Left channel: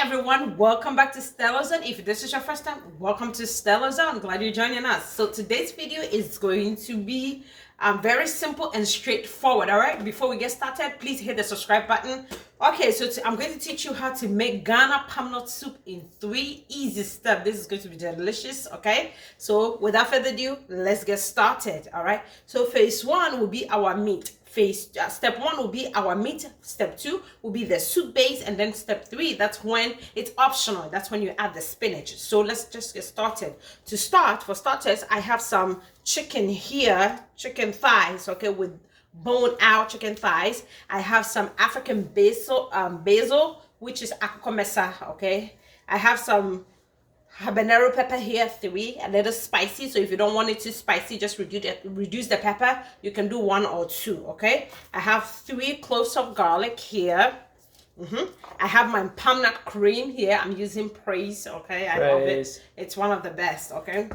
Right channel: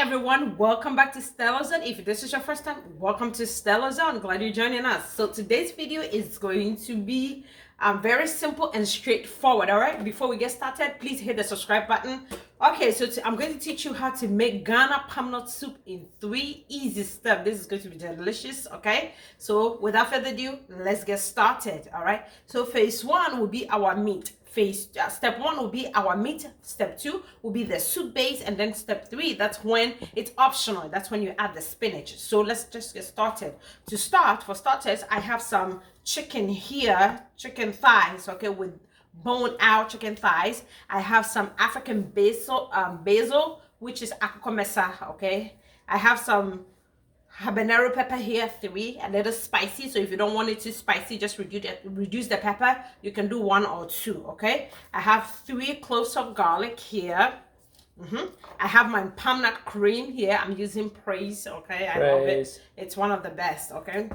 everyone, welcome back to StellaZone. If this is your first time, welcome to StellaZone. Glad you're joining us. So today's video is going to be very simple and straightforward. All right, before we get started, please hit the subscribe button. Okay, so I'm going to teach you how to make Ghana palm nut soup in 3 easy steps. This is going to be delicious. Okay, so without further ado, let's get started. All right, so phase 1 will be our meat. Step 1 will be our meat. Step 2 will be the soup base, and then step 3, that's when it's optional. That's when you add the spinach. So let's just get started. To start, for starters, I have some chicken here, chicken thighs, okay, with bone out chicken thighs. I have some African basil, which is akukomesa, okay. I have some habanero pepper here, 3, a little spicy. So if you don't want it too spicy, just reduce the pepper. You can do 1 or 2, okay. I have 3 cloves of garlic here. I have my palm nut cream here. I'm using Praise, okay. I love it. It's one of the best, okay.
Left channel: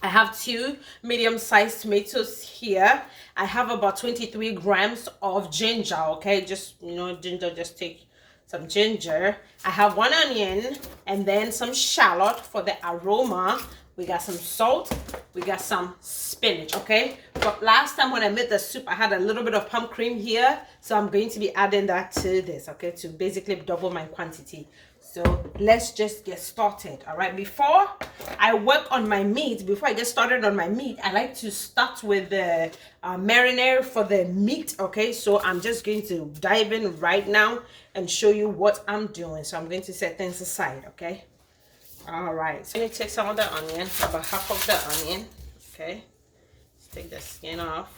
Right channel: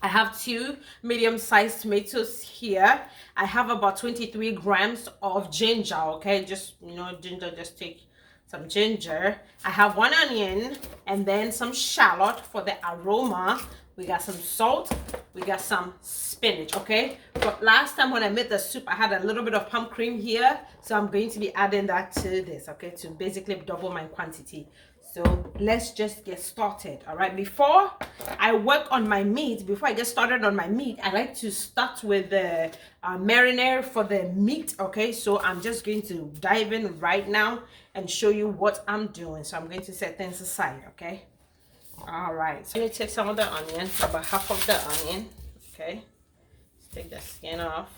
I have 2 medium-sized tomatoes here. I have about 23 grams of ginger, okay. Just, you know, ginger, just take some ginger. I have 1 onion and then some shallot for the aroma. We got some salt. We got some spinach, okay. But last time when I made the soup, I had a little bit of palm cream here, so I'm going to be adding that to this, okay, to basically double my quantity. So let's just get started. All right, before I work on my meat, before I get started on my meat, I like to start with the marinade for the meat, okay. So I'm just going to dive in right now and show you what I'm doing. So I'm going to set things aside, okay. All right, so I'm going to take some of the onion, about half of the onion, okay. Let's take the skin off.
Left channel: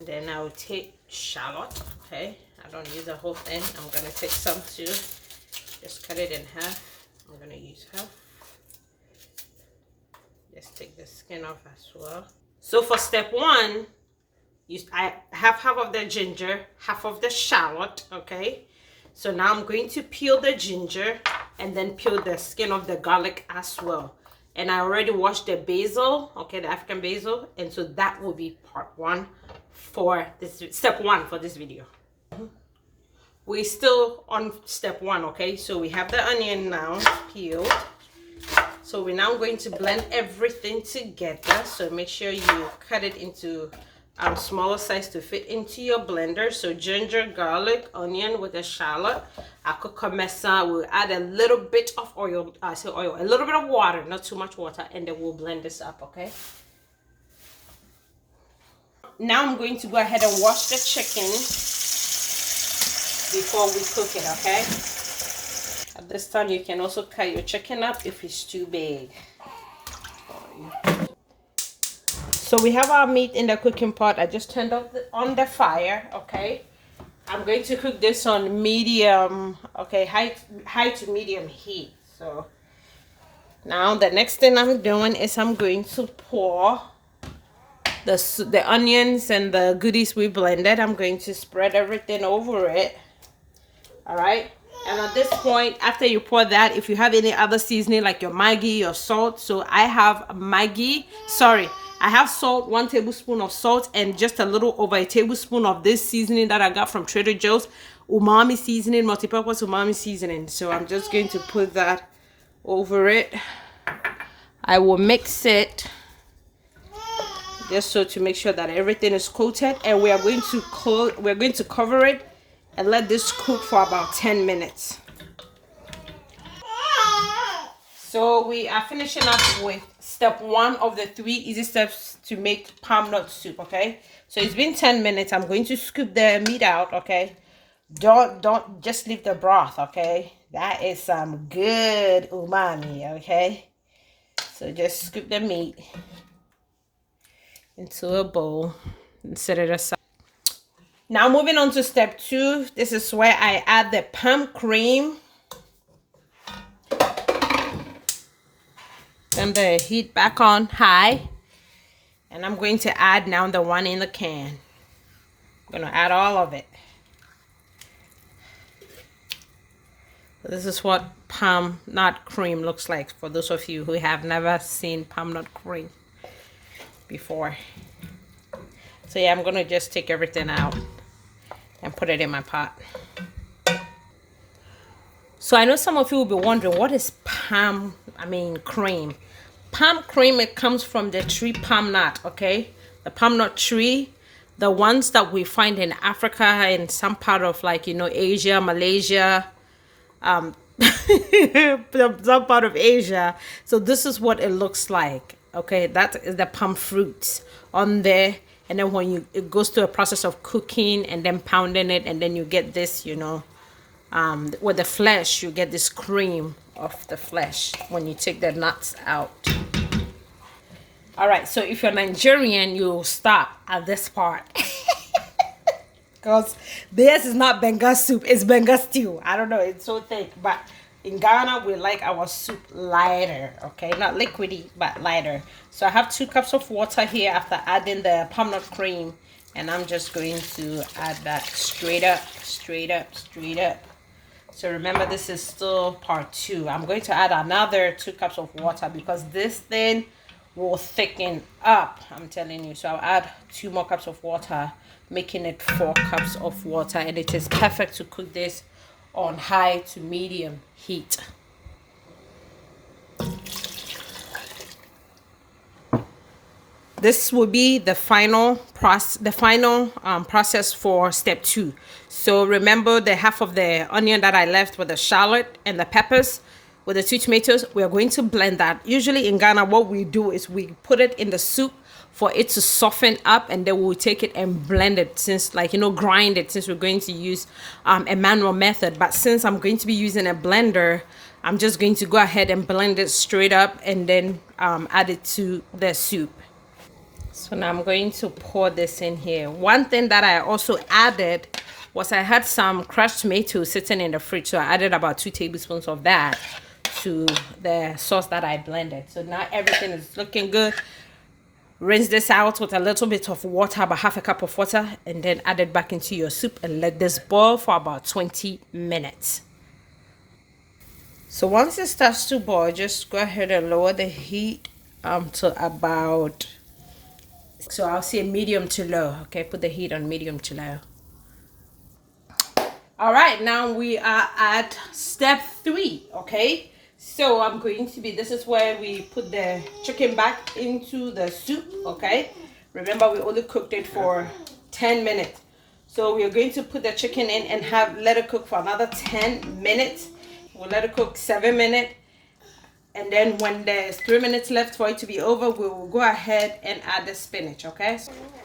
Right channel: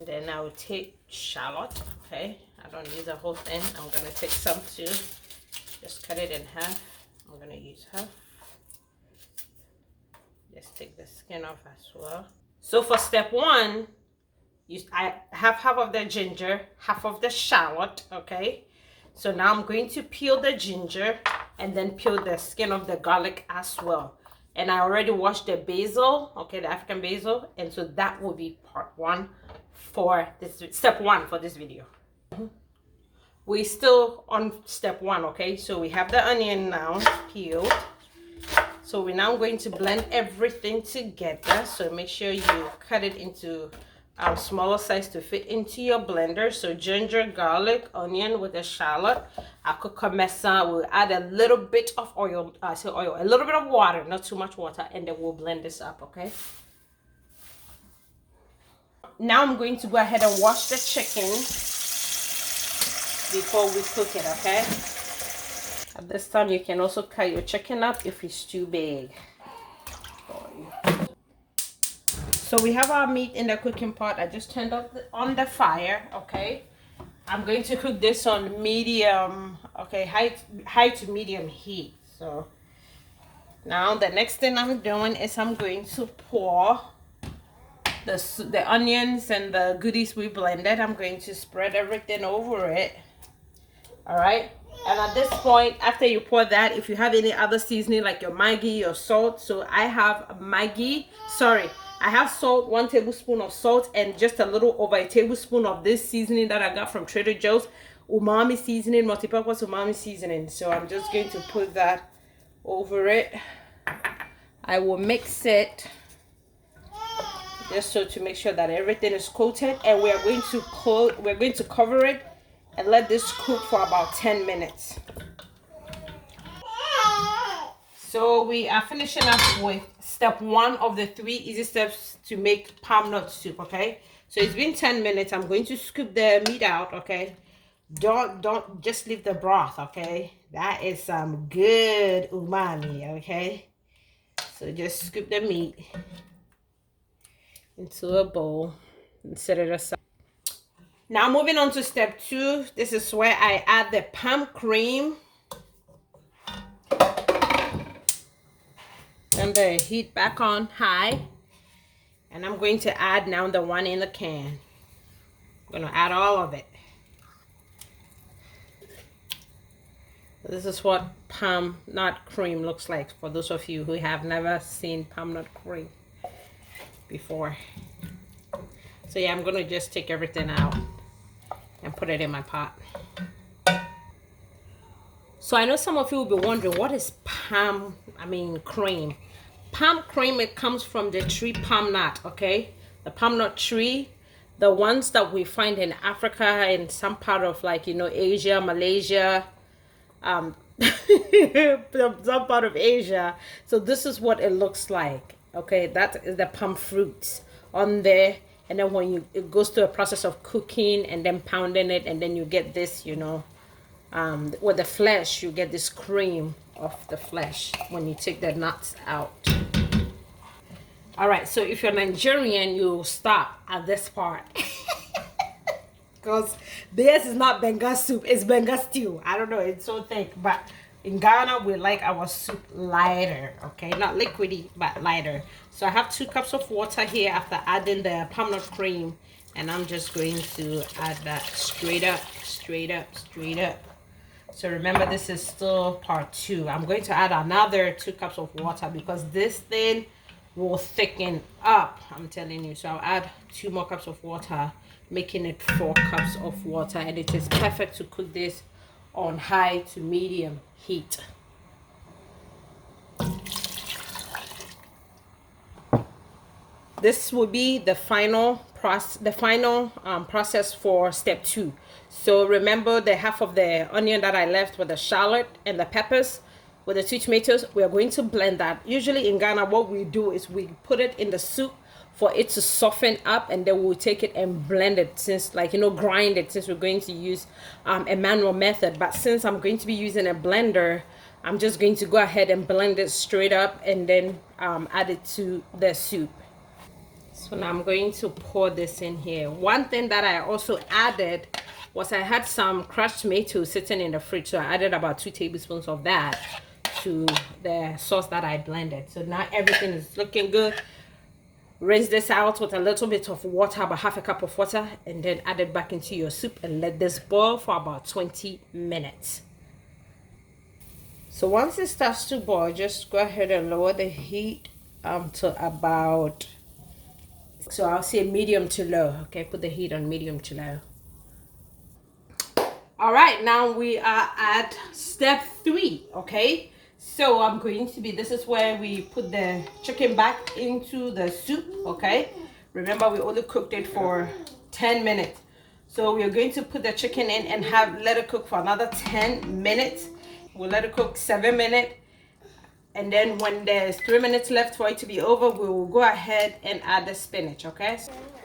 Then I will take shallot, okay. I don't use the whole thing. I'm gonna take some too. Just cut it in half. I'm gonna use half. Just take the skin off as well. So for step 1, I have half of the ginger, half of the shallot, okay. So now I'm going to peel the ginger and then peel the skin of the garlic as well. And I already washed the basil, okay, the African basil, and so that will be part 1 for this, step 1 for this video. We're still on step 1, okay. So we have the onion now peeled. So we're now going to blend everything together. So make sure you cut it into smaller size to fit into your blender. So ginger, garlic, onion with a shallot, akukomesa. We'll add a little bit of oil, a little bit of water, not too much water, and then we'll blend this up, okay. Now I'm going to go ahead and wash the chicken before we cook it, okay. At this time, you can also cut your chicken up if it's too big. So we have our meat in the cooking pot. I just turned on the fire, okay. I'm going to cook this on medium, okay, high to medium heat. So now the next thing I'm doing is I'm going to pour the onions and the goodies we blended. I'm going to spread everything over it. All right, and at this point, after you pour that, if you have any other seasoning like your Maggi or salt, so I have I have salt, 1 tablespoon of salt, and just a little over a tablespoon of this seasoning that I got from Trader Joe's, Umanmi seasoning, multi-purpose Umanmi seasoning. So I'm just going to put that over it. I will mix it just so to make sure that everything is coated, and we're going to cover it and let this cook for about 10 minutes. So we are finishing up with step 1 of the 3 easy steps to make palm nut soup, okay. So it's been 10 minutes. I'm going to scoop the meat out, okay. Don't just leave the broth, okay. That is some good umami, okay. So just scoop the meat into a bowl and set it aside. Now moving on to step 2, this is where I add the palm cream. And the heat back on high. And I'm going to add now the one in the can. I'm gonna add all of it. This is what palm nut cream looks like for those of you who have never seen palm nut cream before. So yeah, I'm gonna just take everything out and put it in my pot. So I know some of you will be wondering, what is cream? Palm cream, it comes from the tree palm nut, okay? The palm nut tree, the ones that we find in Africa and some part of, like, you know, Asia, Malaysia, some part of Asia. So this is what it looks like, okay? That is the palm fruit on there. And then when it goes through a process of cooking and then pounding it, and then you get this, you know, with the flesh, you get this cream of the flesh when you take the nuts out. All right, so if you're Nigerian, you'll stop at this part. Because this is not Benga soup, it's Benga stew. I don't know, it's so thick. But in Ghana, we like our soup lighter, okay? Not liquidy, but lighter. So I have 2 cups of water here after adding the palm nut cream. And I'm just going to add that straight up, straight up, straight up. So remember, this is still part 2. I'm going to add another 2 cups of water because this thing will thicken up, I'm telling you. So I'll add 2 more cups of water, making it 4 cups of water. And it is perfect to cook this on high to medium heat. This will be the final process for step 2. So remember the half of the onion that I left with the shallot and the peppers with the 2 tomatoes. We are going to blend that. Usually in Ghana, what we do is we put it in the soup for it to soften up, and then we'll take it and blend it, since, like, you know, grind it, since we're going to use a manual method. But since I'm going to be using a blender, I'm just going to go ahead and blend it straight up and then add it to the soup. So now I'm going to pour this in here. One thing that I also added was I had some crushed tomatoes sitting in the fridge. So I added about 2 tablespoons of that to the sauce that I blended. So now everything is looking good. Rinse this out with a little bit of water, about half a cup of water, and then add it back into your soup and let this boil for about 20 minutes. So once it starts to boil, just go ahead and lower the heat to about, so I'll say medium to low. Okay, put the heat on medium to low. All right, now we are at step 3. Okay, so I'm going to be, this is where we put the chicken back into the soup. Okay, remember we only cooked it for 10 minutes. So we're going to put the chicken in and let it cook for another 10 minutes. We'll let it cook 7 minutes. And then when there's 3 minutes left for it to be over, we will go ahead and add the spinach, okay?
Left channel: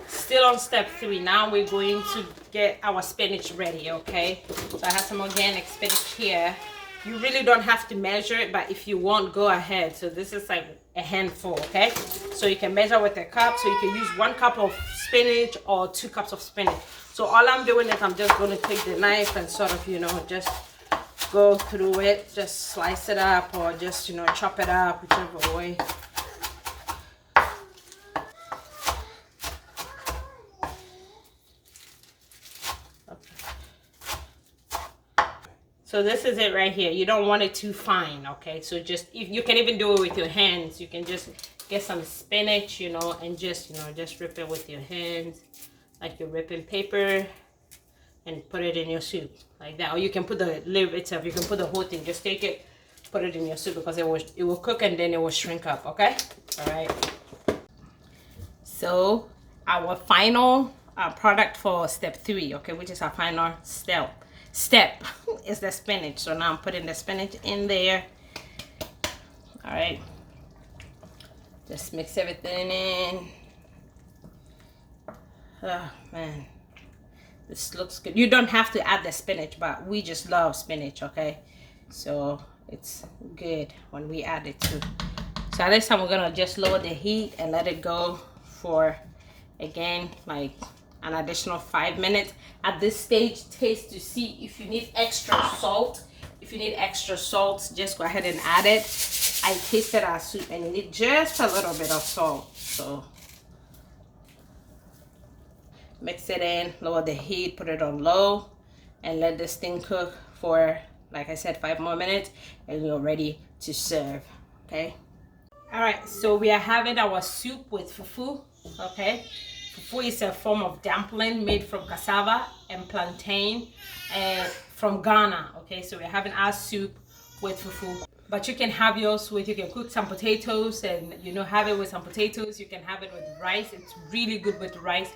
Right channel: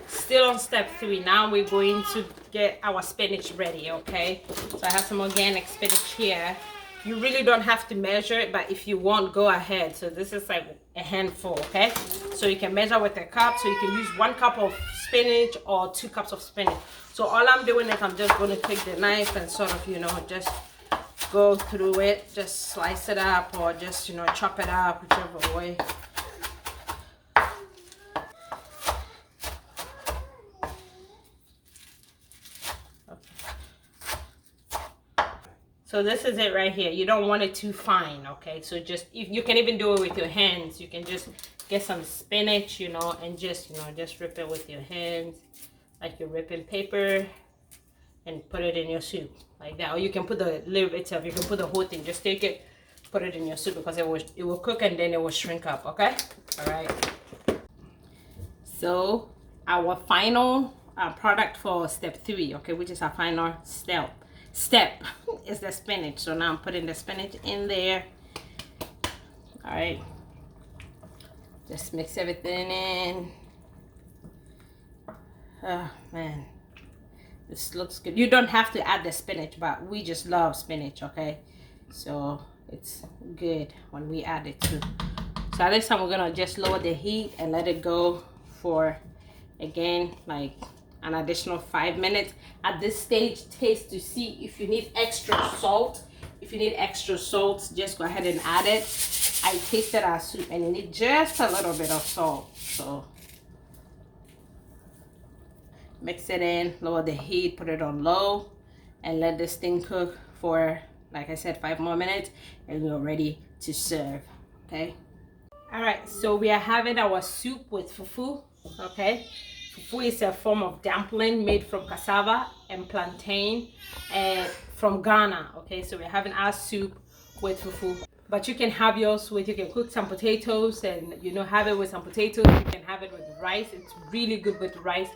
Still on step 3. Now we're going to get our spinach ready, okay? So I have some organic spinach here. You really don't have to measure it, but if you want, go ahead. So this is like a handful, okay? So you can measure with a cup. So you can use 1 cup of spinach or 2 cups of spinach. So all I'm doing is I'm just going to take the knife and sort of, you know, just go through it, just slice it up, or just, you know, chop it up, whichever way. So this is it right here. You don't want it too fine, okay? So just, if you can even do it with your hands, you can just get some spinach, you know, and just, you know, just rip it with your hands like you're ripping paper, and put it in your soup like that. Or you can put the lid itself, you can put the whole thing, just take it, put it in your soup, because it will cook and then it will shrink up, okay? All right. So our final product for step 3, okay, which is our final step is the spinach. So now I'm putting the spinach in there. All right, just mix everything in. Oh man, this looks good. You don't have to add the spinach, but we just love spinach, okay? So it's good when we add it too. So this time we're gonna just lower the heat and let it go for, again, like an additional 5 minutes. At this stage, taste to see if you need extra salt. If you need extra salt, just go ahead and add it. I tasted our soup and you need just a little bit of salt. So mix it in, lower the heat, put it on low, and let this thing cook for, like I said, 5 more minutes, and we're ready to serve, okay? All right, so we are having our soup with fufu, okay? Fufu is a form of dumpling made from cassava and plantain from Ghana. Okay, so we're having our soup with fufu. But you can have yours with, you can cook some potatoes and, you know, have it with some potatoes. You can have it with rice. It's really good with rice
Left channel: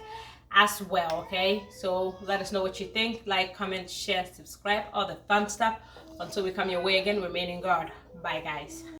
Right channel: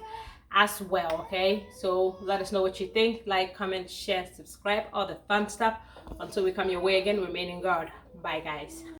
as well. Okay, so let us know what you think. Like, comment, share, subscribe, all the fun stuff. Until we come your way again, remain in God. Bye, guys.